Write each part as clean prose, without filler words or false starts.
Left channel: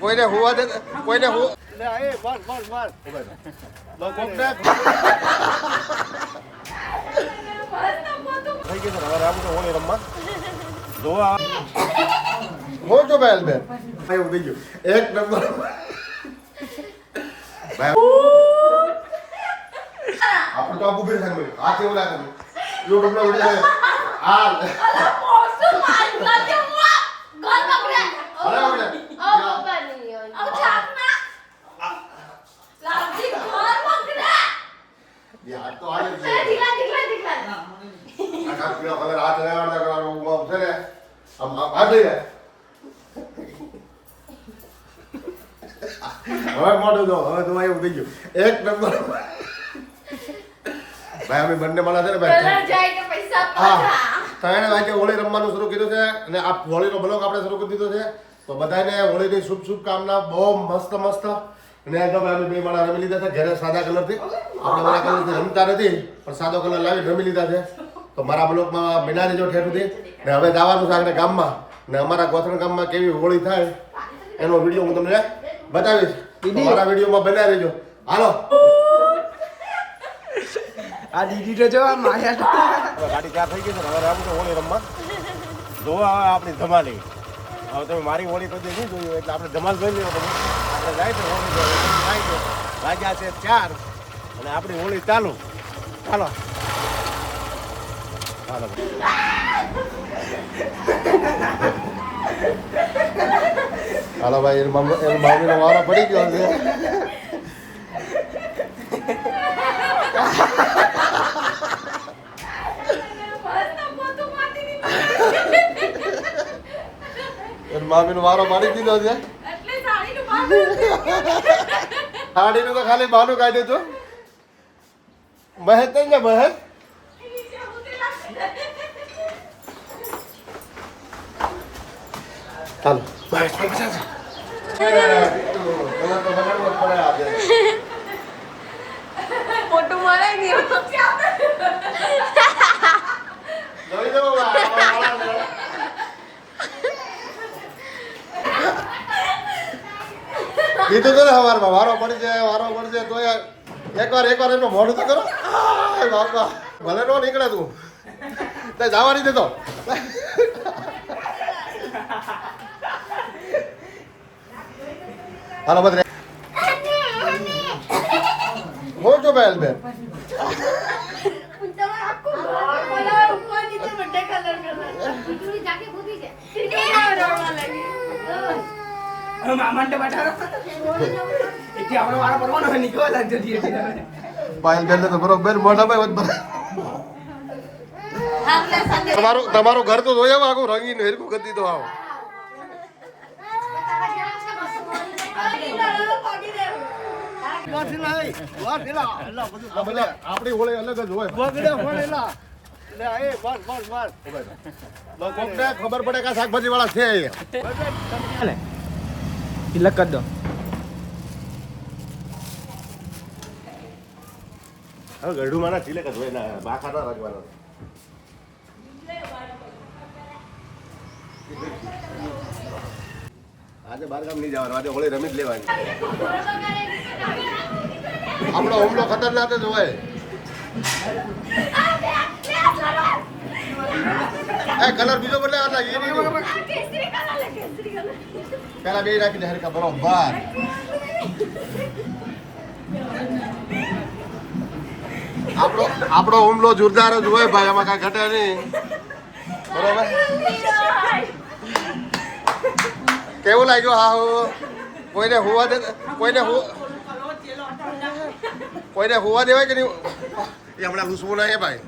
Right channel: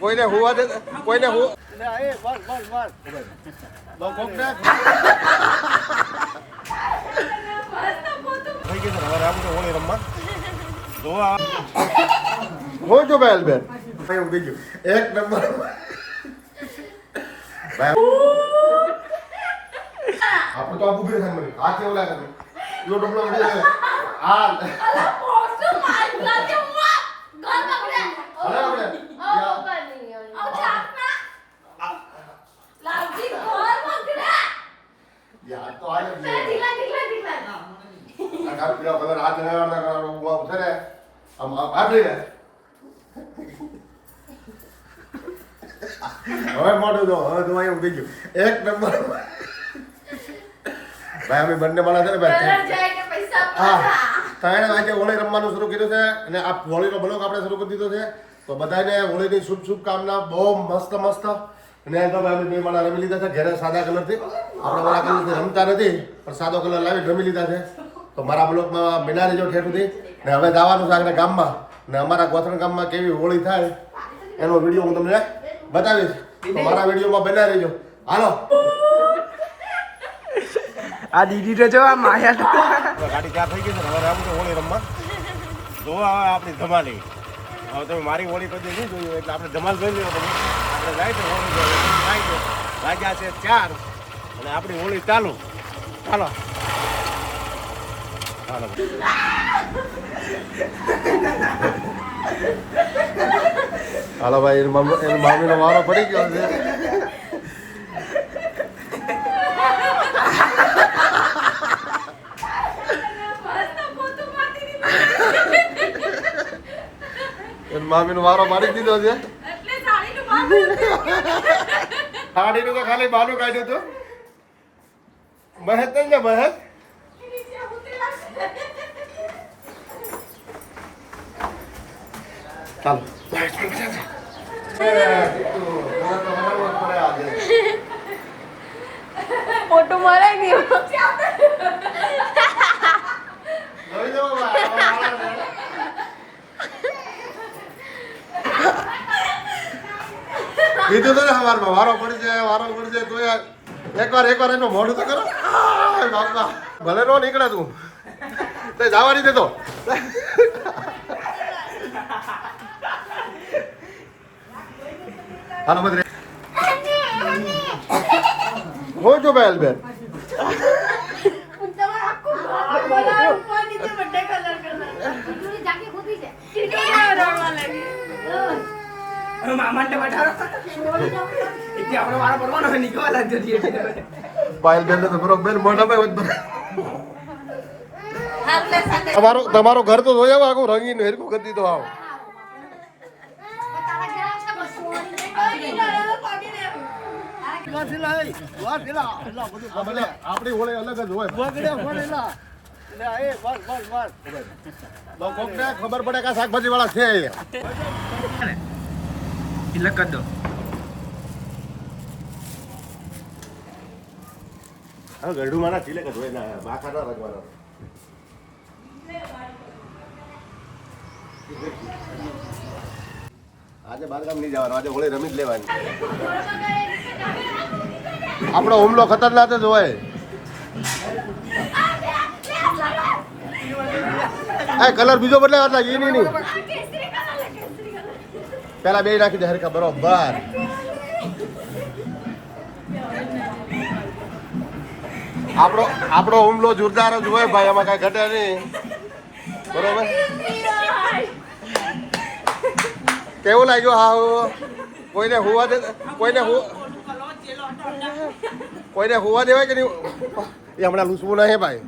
કોઈને હુવા દે કોઈને હું હો જો બેલ બેન એવું થઈ ગયું એક નંબર આપણે તો આબુ બેઠા છે આ કેવું લાગે યુટ્યુબ નો વિડિયો આ यार तो आयो दिखला का पीला कलर हाथ लगाना करવાનો હું છે ને આમ આ દે હવે મોટો જો હવે તો આયો થઈ ગયો એક નંબર ભાઈ અમે બંને માણસ છે ને ભાઈ કલર જાય કે પૈસા પાછા તાણે આજે હોળી રમવાનું શરૂ કર્યું છે અને આ હોળીનો બ્લોગ આપણે શરૂ કરી દીધો છે તો બધાને હોળીની શુભ કામના બહુ મસ્ત અને તો અમે બે માણા રમી લીધા છે ઘરે સાદા કલરથી આપણે મારા કલરથી રમતા નથી પણ સાદો કલર લાવી રમી લીધા છે તો મારા બ્લોકમાં બિના રહેજો ઠેઠુંથી ને હવે જવાનું છે આગળ ગામમાં ને અમારા ગોથણ ગામમાં કેવી હોળી થાય એનો વિડીયો હું તમને બતાવીશ તો મારા વિડીયોમાં બના રહેજો હાલો આ દીદી તો જો આ માયા ગાડી ચાર થઈ ગઈ છે હવે આવું તો હોળી રમવા જો આપણી ધમાલી હવે તમે મારી હોળી કદી નહીં જોયું એટલે આપણે ધમાલ જોઈ લેવો તમે આપણે જાય તો હોળી થાય છે વાગ્યા છે 4 અને આપણી હોળી ચાલુ ચાલો ચાલો હાલો ભાઈ એની મામીનો વારો પડી ગયો છે મામી નો વારો મારી દીધો છે સાડીનું તો ખાલી બાનું કાઢ્યું હતું બહેત ને બહેત ચાલો ફોટો મરાઈ ગયો કીધું તો ને સવારમાં વારો પડી જાય તો એકવાર એનો મોઢું તો કરો બાપા ભલે નો નીકળે તું તો જવા નહીં દેતો હાલો બધે હો જો બેલ બેન પાયલ બેન તો બરોબર મોઢા તમારું ઘર તો જોયા આખું રંગીન હેરકું કરી દીધો આવો આપડી હોળી અલગ જ હોય ખબર પડે કે શાકભાજી વાળા છે તિલક કરી દો હવે ગઢું મારા ચિલક જ હોય ને બાખા ના રખવાનો આજે બારગામ નહીં જવાનું આજે હોળી રમી જ લેવાની આપણો હુમલો ખતરનાક જ હોય કલર બીજો બદલાવ પેલા બે રાખી દે હરકા બરોબર આપણો હુમલો જોરદાર જ હોય ભાઈ એમાં કઈ ઘટે નહીં બરોબર કેવું લાગ્યું હા કોઈને હુવા દે કોઈને હુવા દેવાય કે નહીં એ હમણાં લૂસવું ના હે ભાઈ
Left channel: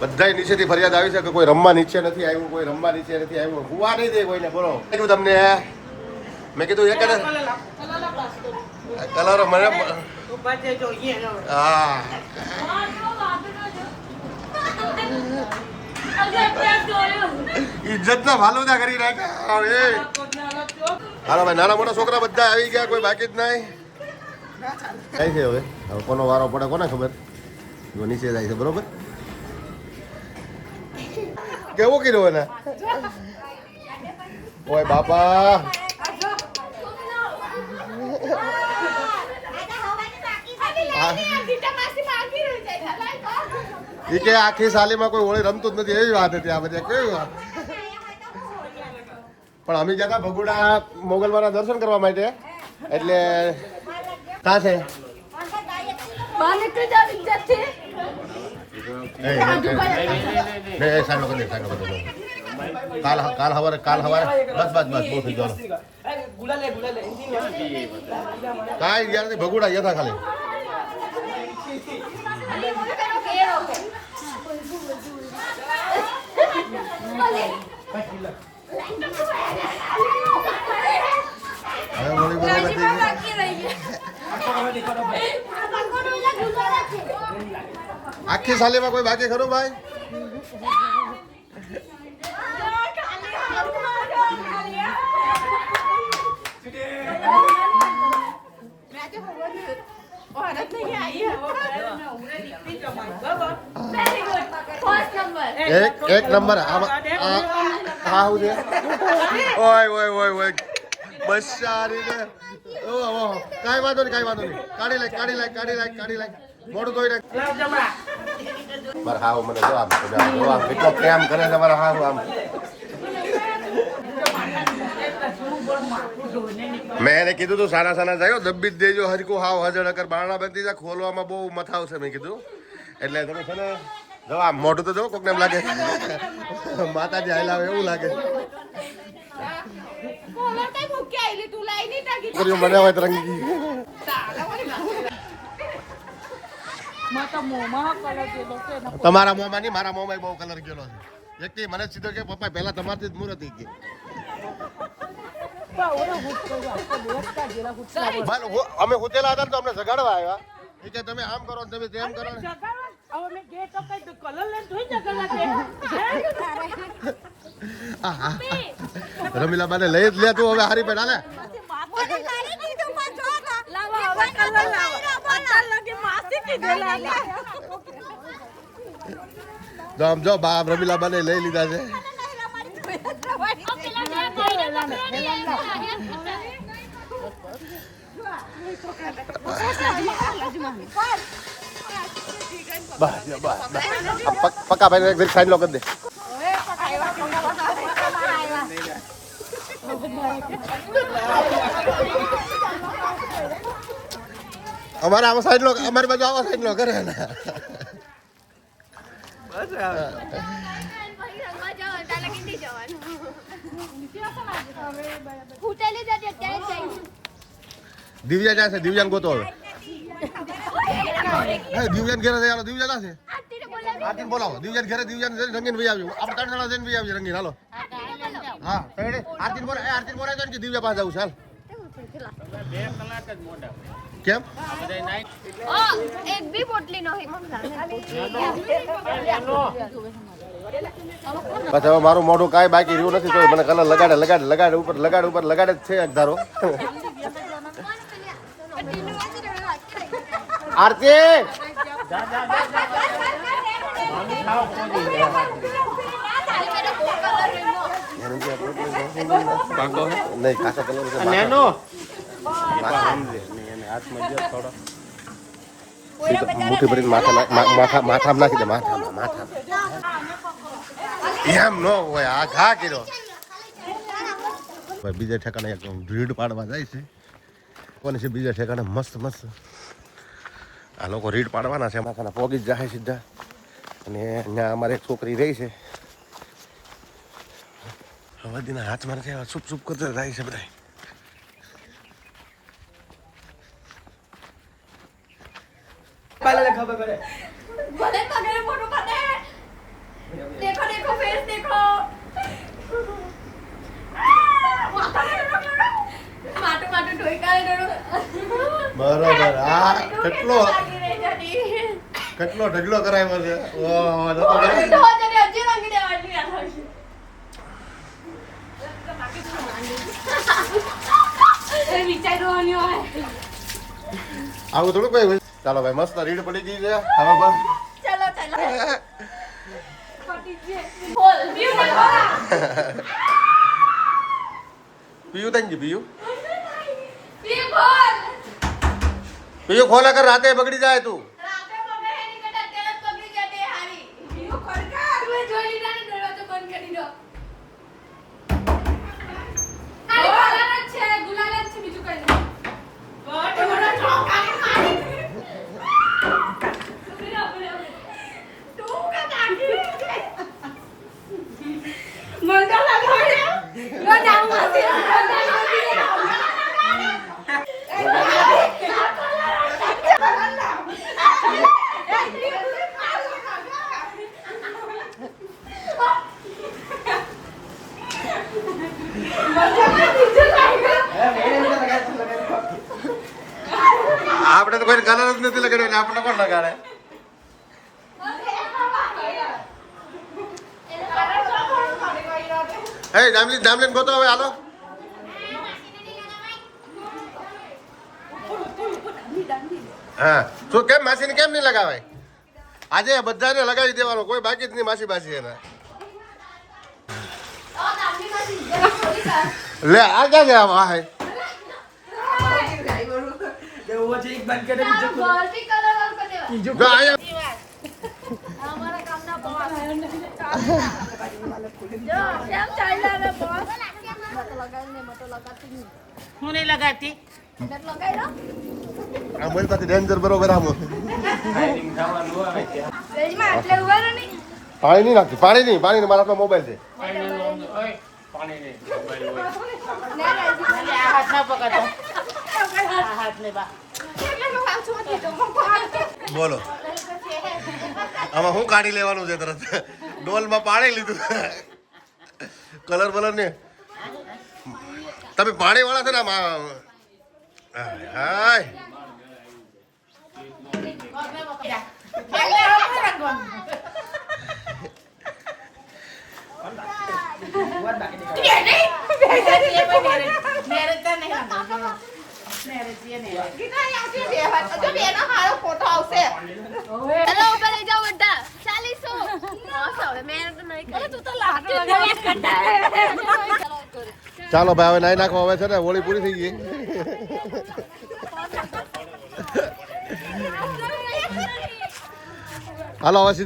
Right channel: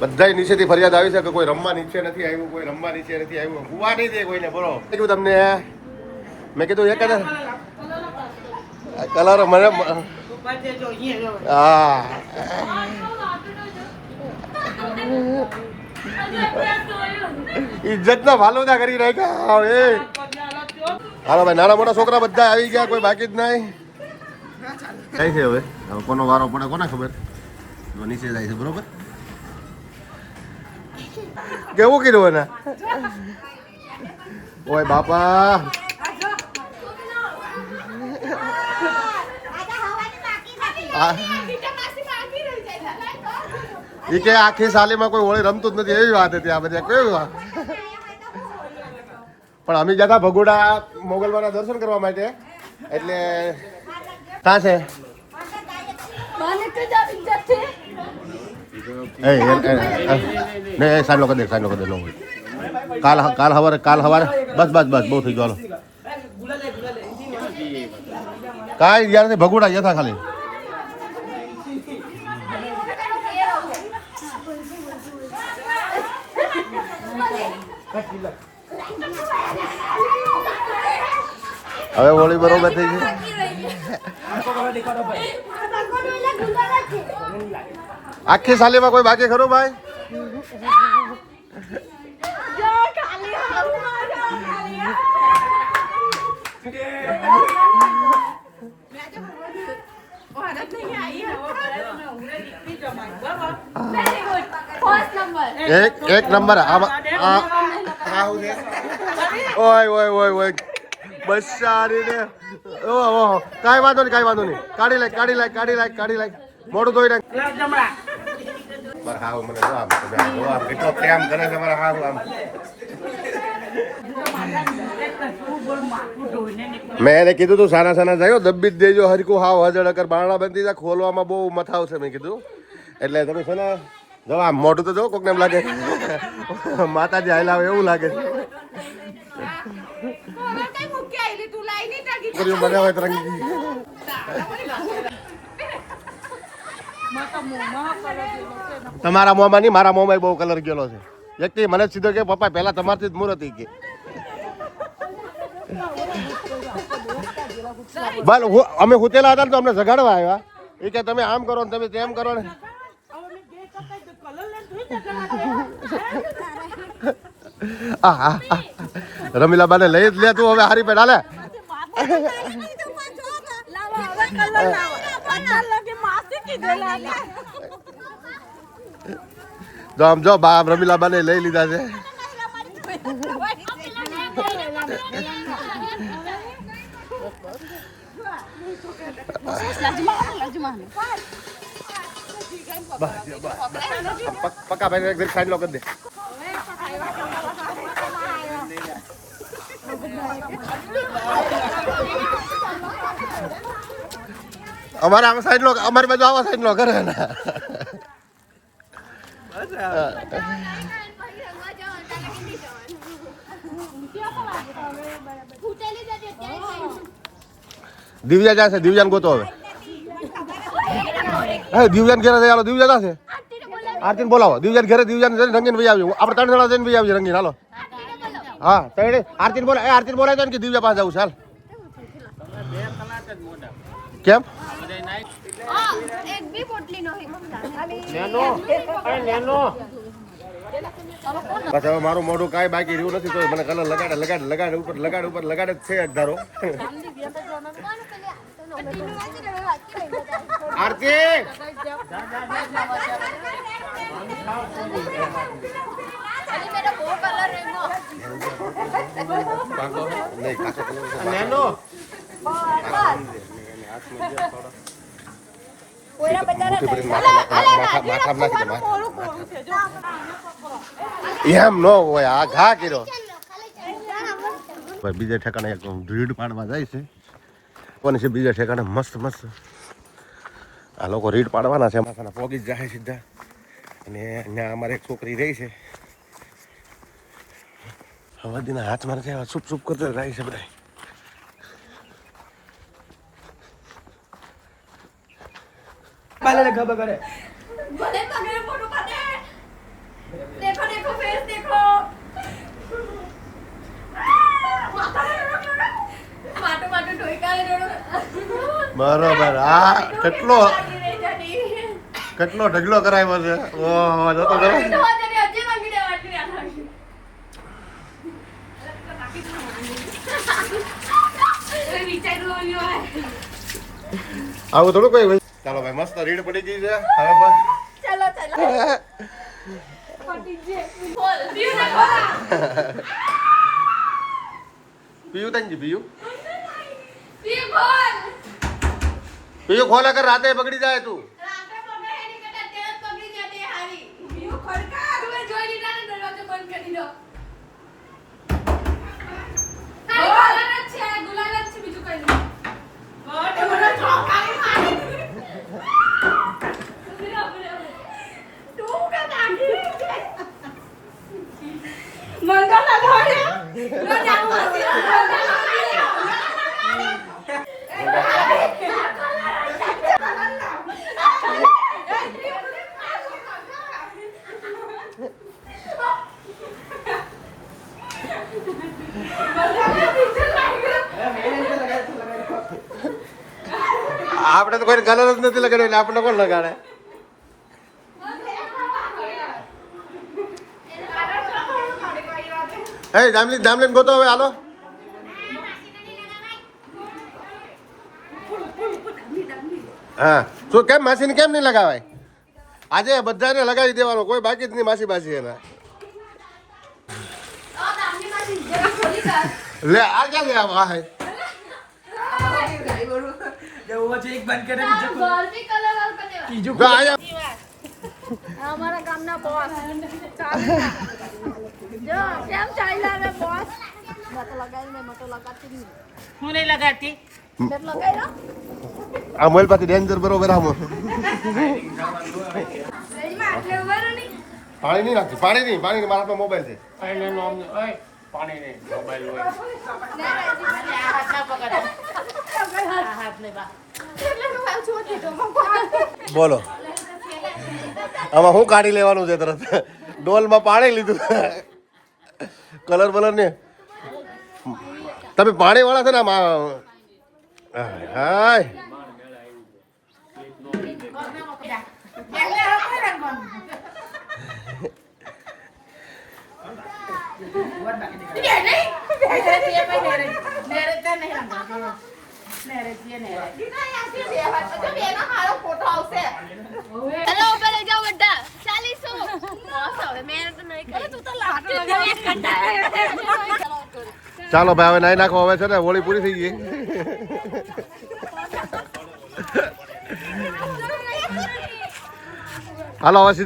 બધા નીચેથી ફરિયાદ આવી છે કે કોઈ રમવા નીચે નથી આવ્યું હુવા નહીં દે કોઈને બોલો કીધું તમને મેં કીધું એક કલર મને હા ઇજ્જત ના ફાલુદા કરી નાખ્યા હાલો ભાઈ, નાના મોટા છોકરા બધા આવી ગયા, કોઈ બાકી જ નહીં. કઈ છે હવે કોનો વારો પડે કોને ખબર. જો નીચે જાય છે બરોબર. કેવું કીધું એને? ઓય બાપા, એ કે આખી સાલીમાં કોઈ હોળી રમતું જ નથી એવી વાત હતી આ બધી. કેવી વાત. પણ અમે જતા ભગોડા મોગલવાના દર્શન કરવા માટે, એટલે ક્યાં છે? સાંજલો કરી દે, સાંજલો કરી દે. કાલ હવારે બસ બહુ થઈ ગયો. કાંઈ ગયા નથી, ભગોડા ગયા હતા ખાલી. હવે હોળી બરોબર થઈ ગઈ. આખી સાલીમાં કોઈ બાકી ખરું ભાઈ? એક નંબર. હા હું છે. ઓય બસારી ને. ઓહો, કાંઈ વાંધો નહીં. કાઢી લાય. મોઢું ધોઈ નાખ. મારા હાવ મને જો આમ કેટલો પ્રેમ કરે છે મારા હાવ. આમ મેં એને કીધું તું સાના જાય દબ્બી જ દેજો હરકું હાવ હજળ કર. બારણા બંધી જાય, ખોલવામાં બહુ મથાવ છે મેં કીધું. એટલે તમે છે ને જો આમ મોઢું તો જો કોકને એમ લાગે માતાજી હાલ આવે એવું લાગે. મને હોય તરંગી. તમારા મોંમાં નહીં, મારા મોંમાં બહુ કલર ગયેલો છે. વ્યક્તિ મને સીધો કે પપ્પા પહેલા તમારથી જ મુહૂર્ત કે ભલે અમે હુતેલા હતા ને તો અમને જગાડવા આવ્યા. એ કે તમે આમ કરો ને તમે તેમ કરો ને. રમીલા બાને લઈ જ લે તું હવે. હારી પેટ હાલે. જો આમ જો બા રમીલા બાને લઈ લીધા છે. પક્કા ભાઈ એક સાઈડ લો કરી દે. અમારે આમાં સાઈડ લો, અમારી બાજુ આવા સાઈડ લો કરે ને. દિવ્યા જાય છે, દિવ્યાન ગોતો હવે. દિવ્યાન ઘેરે હાલો, દિવ્યા છે. આરતીને બોલાવો, દિવ્યાન ઘેરે. દિવ્યાન રંગીન ભાઈ આવ્યું. આપણે 3 જણા જઈને ભાઈ આવી રંગીન. હાલો હા આરતીને બોલાય. આરતીને બોલાય તો કે દિવ્યા પાસે જવું. ચાલ કેમ? પછી હવે મારું મોઢું કાંઈ બાકી રહ્યું નથી. તો મને કલર લગાડે ઉપર લગાડે જ છે એક ધારો. આરતી નહીં ખાસા કલર મુઠ્ઠી ભરી માથામાં નાખી દે. એમ ન હોય, આ ઘા કર્યો. બીજા ઠેકાણે એક રીડ પાડવા જાય છે. કોને છે બીજા ઠેકાણે? મસ્ત આ લોકો રીડ પાડવાના છે. માથાના પોગી જ જાય સીધા. અને ત્યાં અમારે એક છોકરી રહી છે. હવાદીના હાથમાં નથી, સુપ કરતા જાય છે બધા. બરોબર. આ કેટલો ઢગલો કરાવ્યો છે. આવું થોડું કોઈ હોય. ચાલો ભાઈ મસ્ત રીડ પડી ગઈ છે હવે બસ પીયું તંજી પીયું પીયું ખોલા કર રાતે બગડી જાય તું આપણે તો કોઈ કલર જ નથી લગાડ્યો એટલે આપણે કોણ લગાડે હે જામલીન ગોતો હવે હાલો હા શું કેમ માસીને કેમ નહીં લગાવાય આજે બધાને લગાવી દેવાનો કોઈ બાકી જ નહીં માસી એના લે આ ક્યાં ગયા આ હે वो जो एक बंद करे बीजो को कीजू જો આયા અમારા ગામના બોસ જો કેમ ચાલ્યા ને બોસ હું નહીં લગાડતી આ મોબાઈલ પાસે ડેન્જર બરોબર આમ રેજમાં એટલે ઉભેલો નહીં પાણી નહીં નાખી પાણી મારા હાથમાં મોબાઈલ છે બોલો આમાં શું કાઢી લેવાનું છે તરત ડોલમાં પાણી લીધું કલર બલર ને તમે પાણી વાળા છે ને આમાં હાય હેલો ઉપર લઈ જાઓ બધા 40 મેં તો નહીં કરી તું તો લાગે ચાલો ભાઈ હવે નાઈ નાખો હવે છે ને હોળી પૂરી થઈ ગઈ હાલો હવે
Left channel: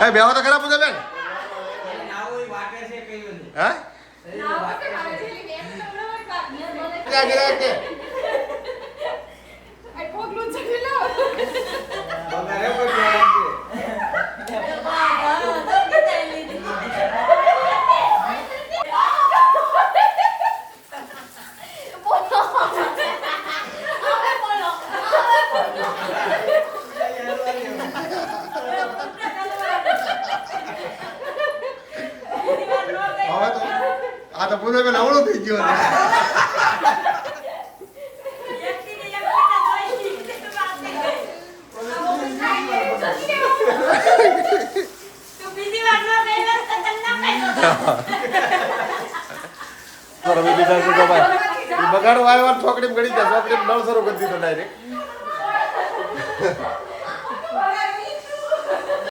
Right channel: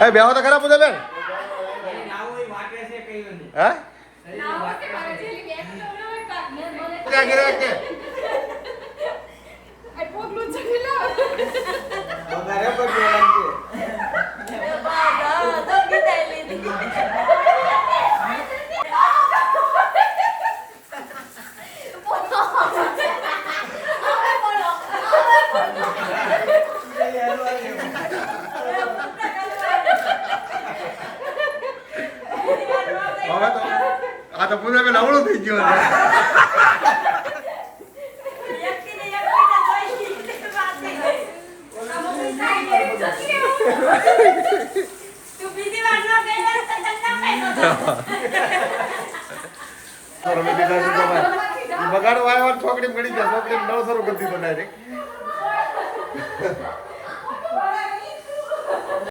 એ બેહો તો ખરા પૂજા બેન હે આ તો પૂજા બેન અવળું થઈ ગયું બગાડવા આવ્યા છોકરી ગળી જાય છોકરી નળ શરૂ કરી દીધો ડાયરેક્ટ